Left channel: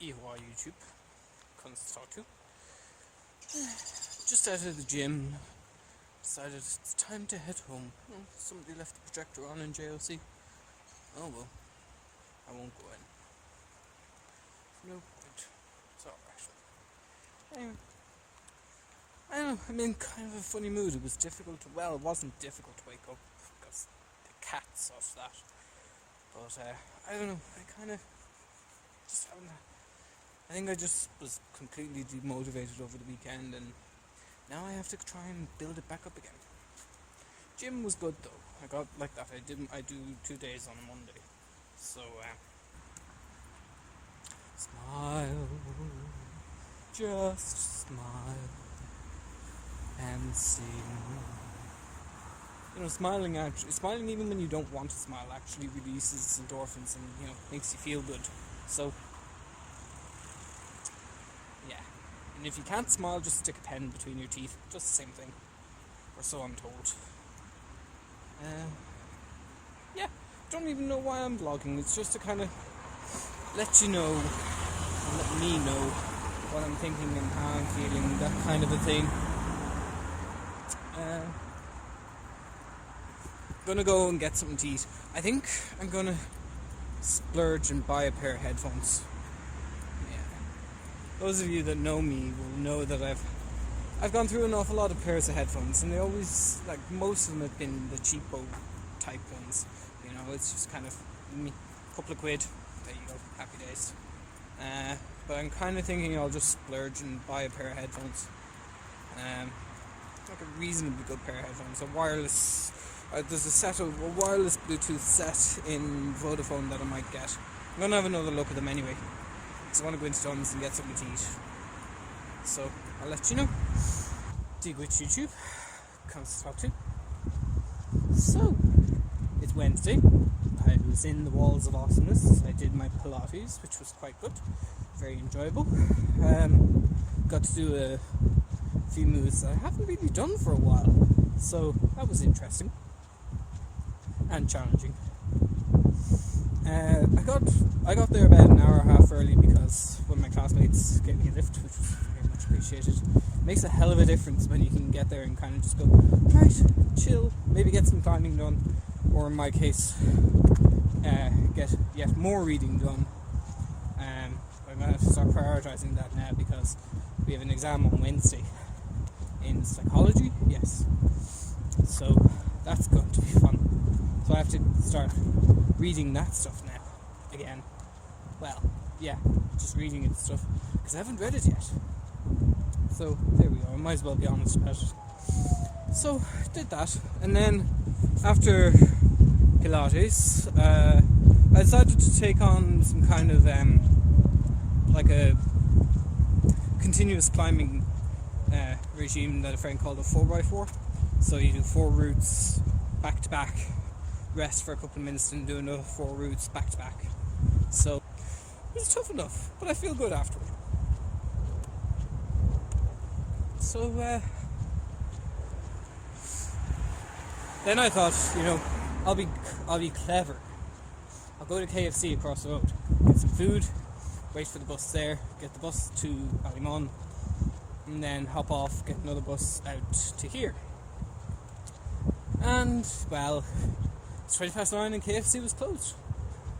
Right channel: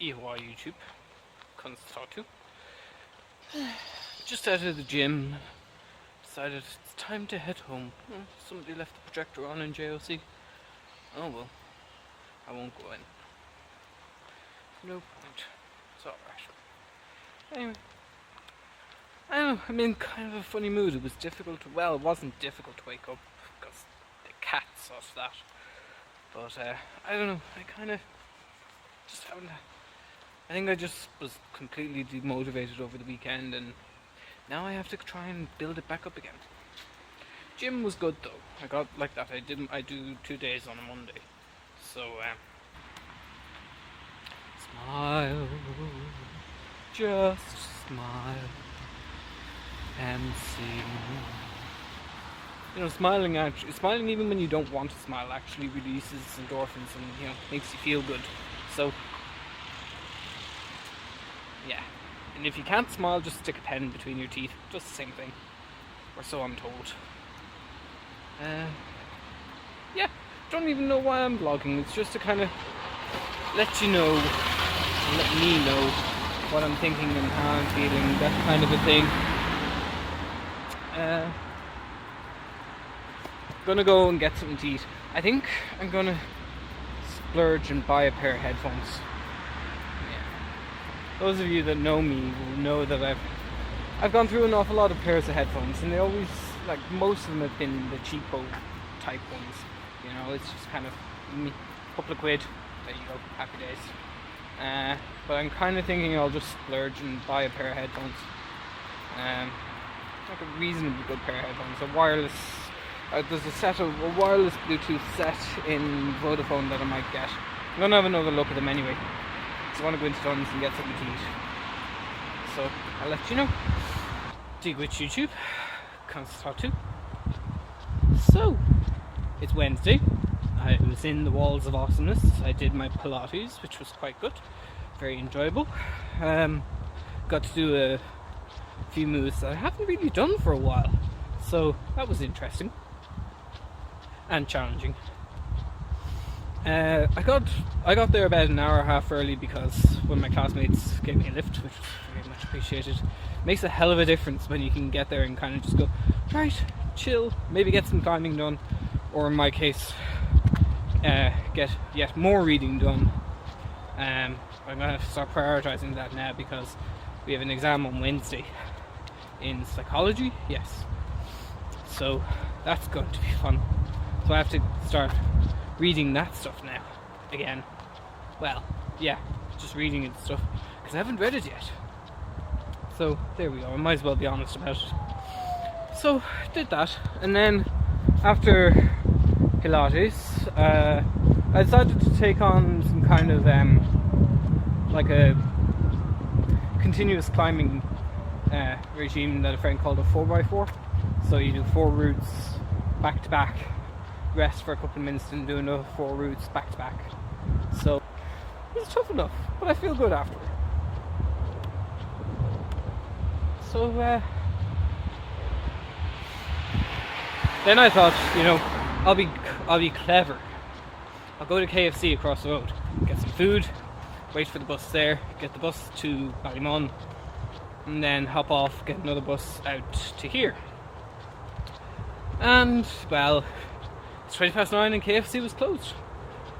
Anywho YouTube, conas to. Just out of the gym, decided it's time to head home. Somebody left the projector on in JOC. Oh well, I won't go in. No point. It's alright. Anyway, I don't know, I'm in kind of a funny mood. It was difficult, well, it wasn't difficult to wake up because the cat saw that. But I don't know, I kind of just haven't. I think I just was completely demotivated over the weekend, and now I have to try and build it back up again. Gym was good though. I got like that. I do 2 days on a Monday. So smile, just smile and see. You know, smiling even when you don't want to smile actually releases endorphins and, you know, makes you feel good. So yeah. And if you can't smile, just stick a pen between your teeth. Just the same thing. Or so I'm told. Yeah, don't even know why I'm vlogging. It's just to kind of let you know, let me know what I'm thinking and how I'm feeling, that kind of a thing. Gonna go and get something to eat. I think I'm gonna splurge and buy a pair of headphones. Yeah. Those of you that know me know that I've gone through an awful lot of pairs of headphones, and they always, like, most of them have been the cheapo type ones. You know, it's just kind of a couple of quid. There you go, happy days. But I'm kind of thinking I'll just splurge and buy a pair of headphones. Like a reasonably good pair of headphones. A wireless. There's a wireless Bluetooth set in Vodafone that I might get. I'm gonna have another look at them anyway, because I want to go into Tons and get something to eat. So I'll let you know. Duit YouTube, conas to. So it's Wednesday. I was in the Walls of Awesomeness. I did my Pilates, which was quite good, very enjoyable. Got to do a few moves that I haven't really done for a while, so that was interesting and challenging. I got there about an hour and a half early because one of my classmates gave me a lift, which was very much appreciated. It makes a hell of a difference when you can get there and kind of just go, right, chill, maybe get some climbing done, or in my case, get yet more reading done. I'm going to have to start prioritising that now because we have an exam on Wednesday in psychology, yes. So that's going to be fun. So I have to start reading that stuff now, again. Well, yeah, just reading it and stuff, because I haven't read it yet. So there we go, I might as well be honest about it. So did that, and then after Pilates, I decided to take on some kind of like a continuous climbing regime that a friend called a 4x4. So you do 4 routes back to back, rest for a couple of minutes, and do another 4 routes back to back. So it's tough enough, but I feel good after. So then I thought, you know, I'll be clever. I'll go to KFC across the road, get some food, wait for the bus there, get the bus to Ballymun, and then hop off, get another bus out to here. And, well, it's 9:20 and KFC was closed.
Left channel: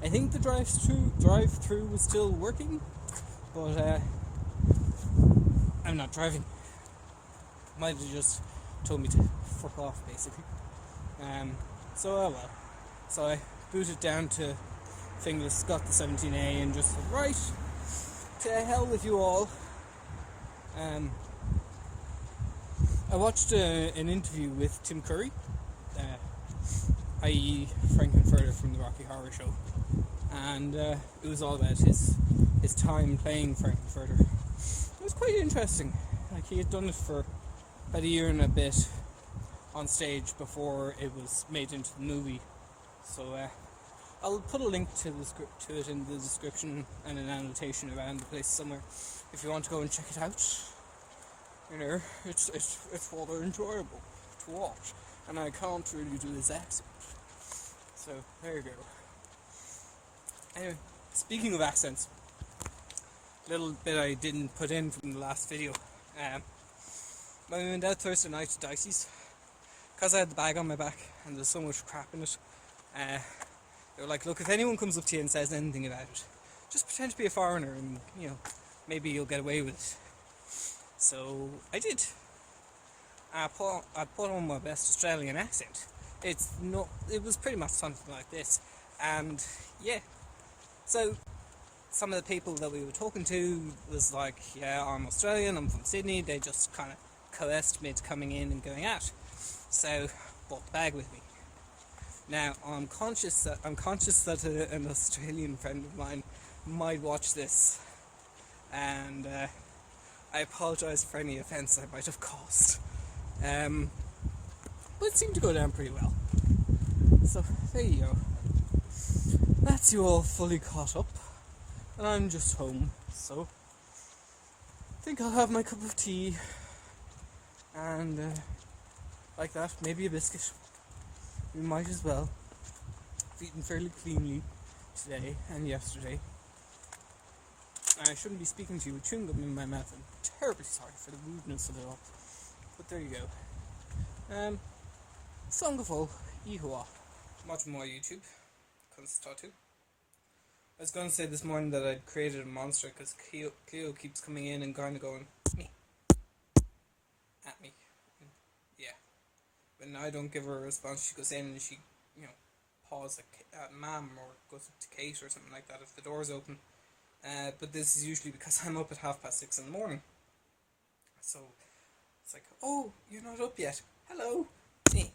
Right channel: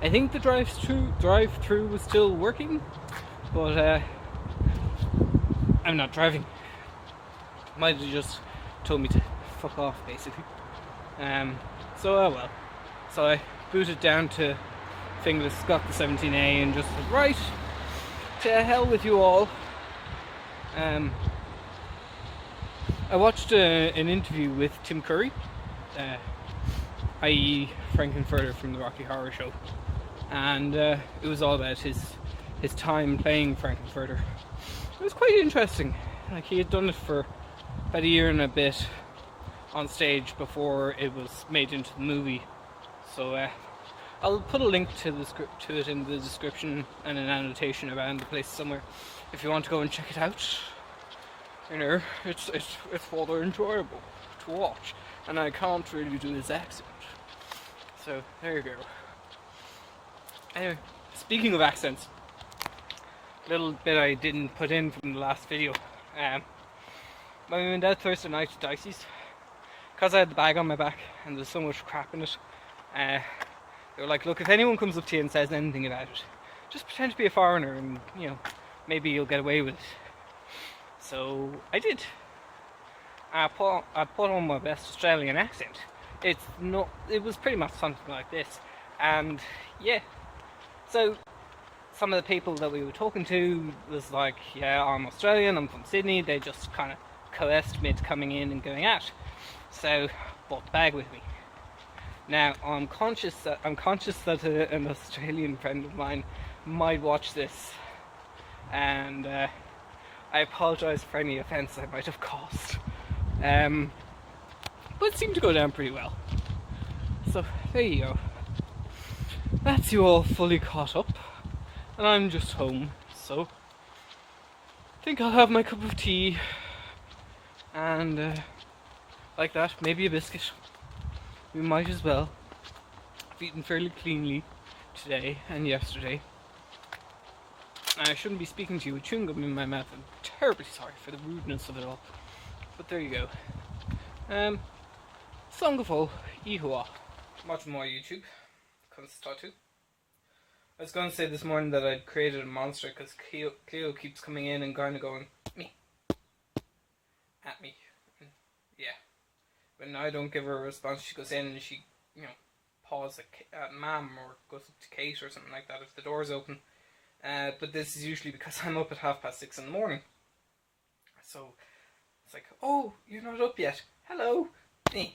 I think the drive-through was still working, but I'm not driving. Might have just told me to fuck off, basically. So, well. So I booted down to Finglas, got the 17A, and just said, right, to hell with you all. I watched an interview with Tim Curry, i.e. Frankenfurter from the Rocky Horror Show, and it was all about his time playing Frankenfurter. It was quite interesting. Like, he had done it for about a year and a bit on stage before it was made into the movie. So I'll put a link to it in the description and an annotation around the place somewhere if you want to go and check it out. You know, it's rather enjoyable to watch, and I can't really do his accent. So there you go. Anyway, speaking of accents, little bit I didn't put in from the last video. When we went out Thursday night to Dicey's, because I had the bag on my back and there's so much crap in it, they were like, look, if anyone comes up to you and says anything about it, just pretend to be a foreigner and, you know, maybe you'll get away with it. So I did. I put on my best Australian accent. It was pretty much something like this. And yeah, so some of the people that we were talking to was like, yeah, I'm Australian, I'm from Sydney. They just kind of coerced me into coming in and going out. So brought the bag with me. Now I'm conscious that an Australian friend of mine might watch this, and I apologise for any offence I might have caused. But it seemed to go down pretty well. So there you go. That's you all fully caught up, and I'm just home. So I think I'll have my cup of tea and like that, maybe a biscuit. We might as well. I've eaten fairly cleanly today and yesterday. I shouldn't be speaking to you with chewing gum in my mouth. I'm terribly sorry for the rudeness of it all. But there you go. Song of all, Anywho. Watching more YouTube. Comes tattoo. I was going to say this morning that I'd created a monster because Cleo keeps coming in and kind of going, me. At me. Yeah. When I don't give her a response, she goes in and she, you know, paws at Mam or goes to Kate or something like that if the door's open. But this is usually because I'm up at 6:30 in the morning. So it's like, oh, you're not up yet. Hello, it's me.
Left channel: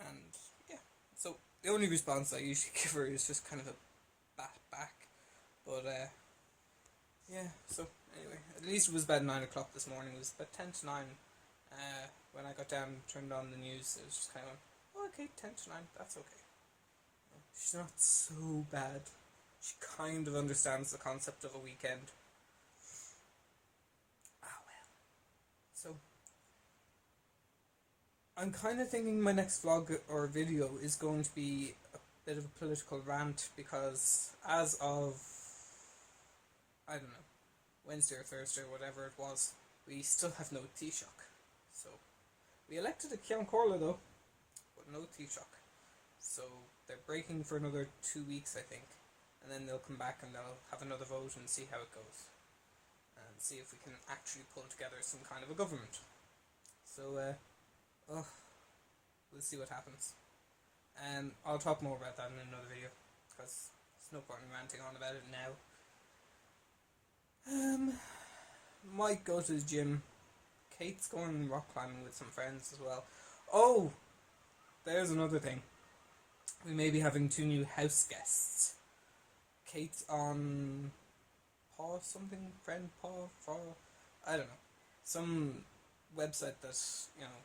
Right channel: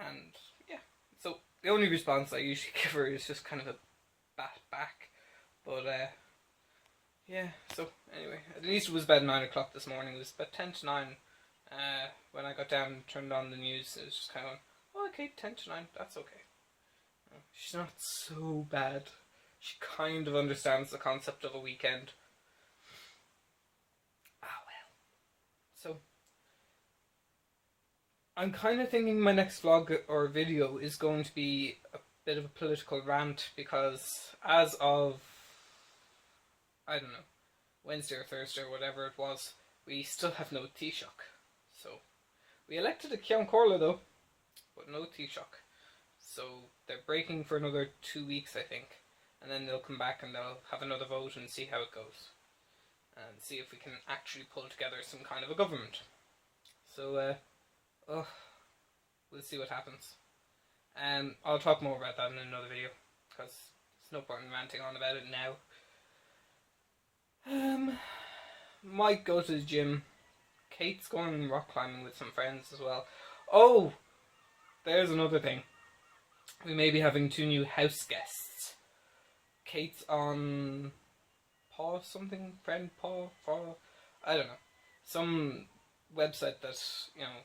And yeah, so the only response I usually give her is just kind of a bat back. But yeah, so anyway, at least it was about 9 o'clock this morning. It was about 10 to 9. When I got down and turned on the news, it was just kind of going, oh, okay, 10 to 9, that's okay. No, she's not so bad. She kind of understands the concept of a weekend. Ah, well. So, I'm kind of thinking my next vlog or video is going to be a bit of a political rant because as of, I don't know, Wednesday or Thursday or whatever it was, we still have no Taoiseach. So, we elected a Ceann Comhairle though, but no Taoiseach. So, they're breaking for another 2 weeks, I think. And then they'll come back and they'll have another vote and see how it goes. And see if we can actually pull together some kind of a government. So, we'll see what happens. I'll talk more about that in another video, because there's no point in ranting on about it now. Might go to the gym. Kate's going rock climbing with some friends as well. Oh! There's another thing. We may be having 2 new house guests. Kate's on Paw something? Friend Paw? I don't know. Some website that, you know,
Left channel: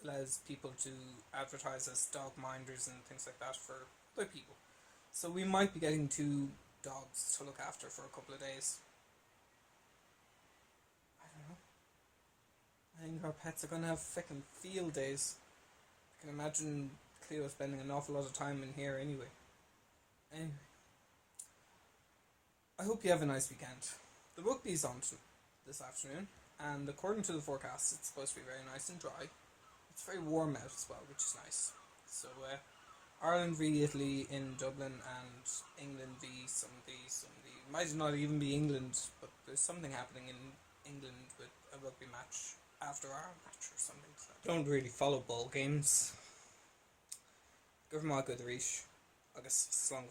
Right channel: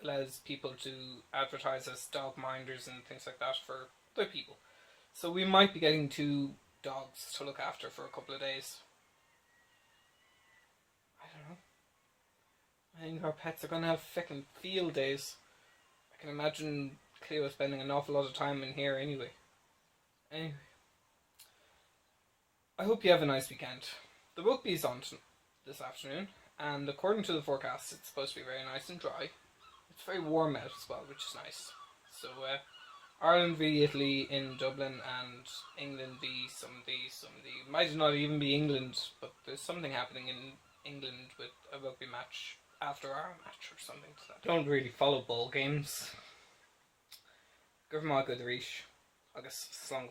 allows people to advertise as dog minders and things like that for other people. So we might be getting 2 dogs to look after for a couple of days. I don't know. I think our pets are going to have fucking field days. I can imagine Cleo spending an awful lot of time in here anyway. Anyway. I hope you have a nice weekend. The rugby's on this afternoon, and according to the forecast, it's supposed to be very nice and dry. It's very warm out as well, which is nice. So, Ireland v Italy in Dublin, and England v somebody. Might not even be England, but there's something happening in England with a rugby match after our match or something. So I don't really follow ball games. Give them all good reach. agus slán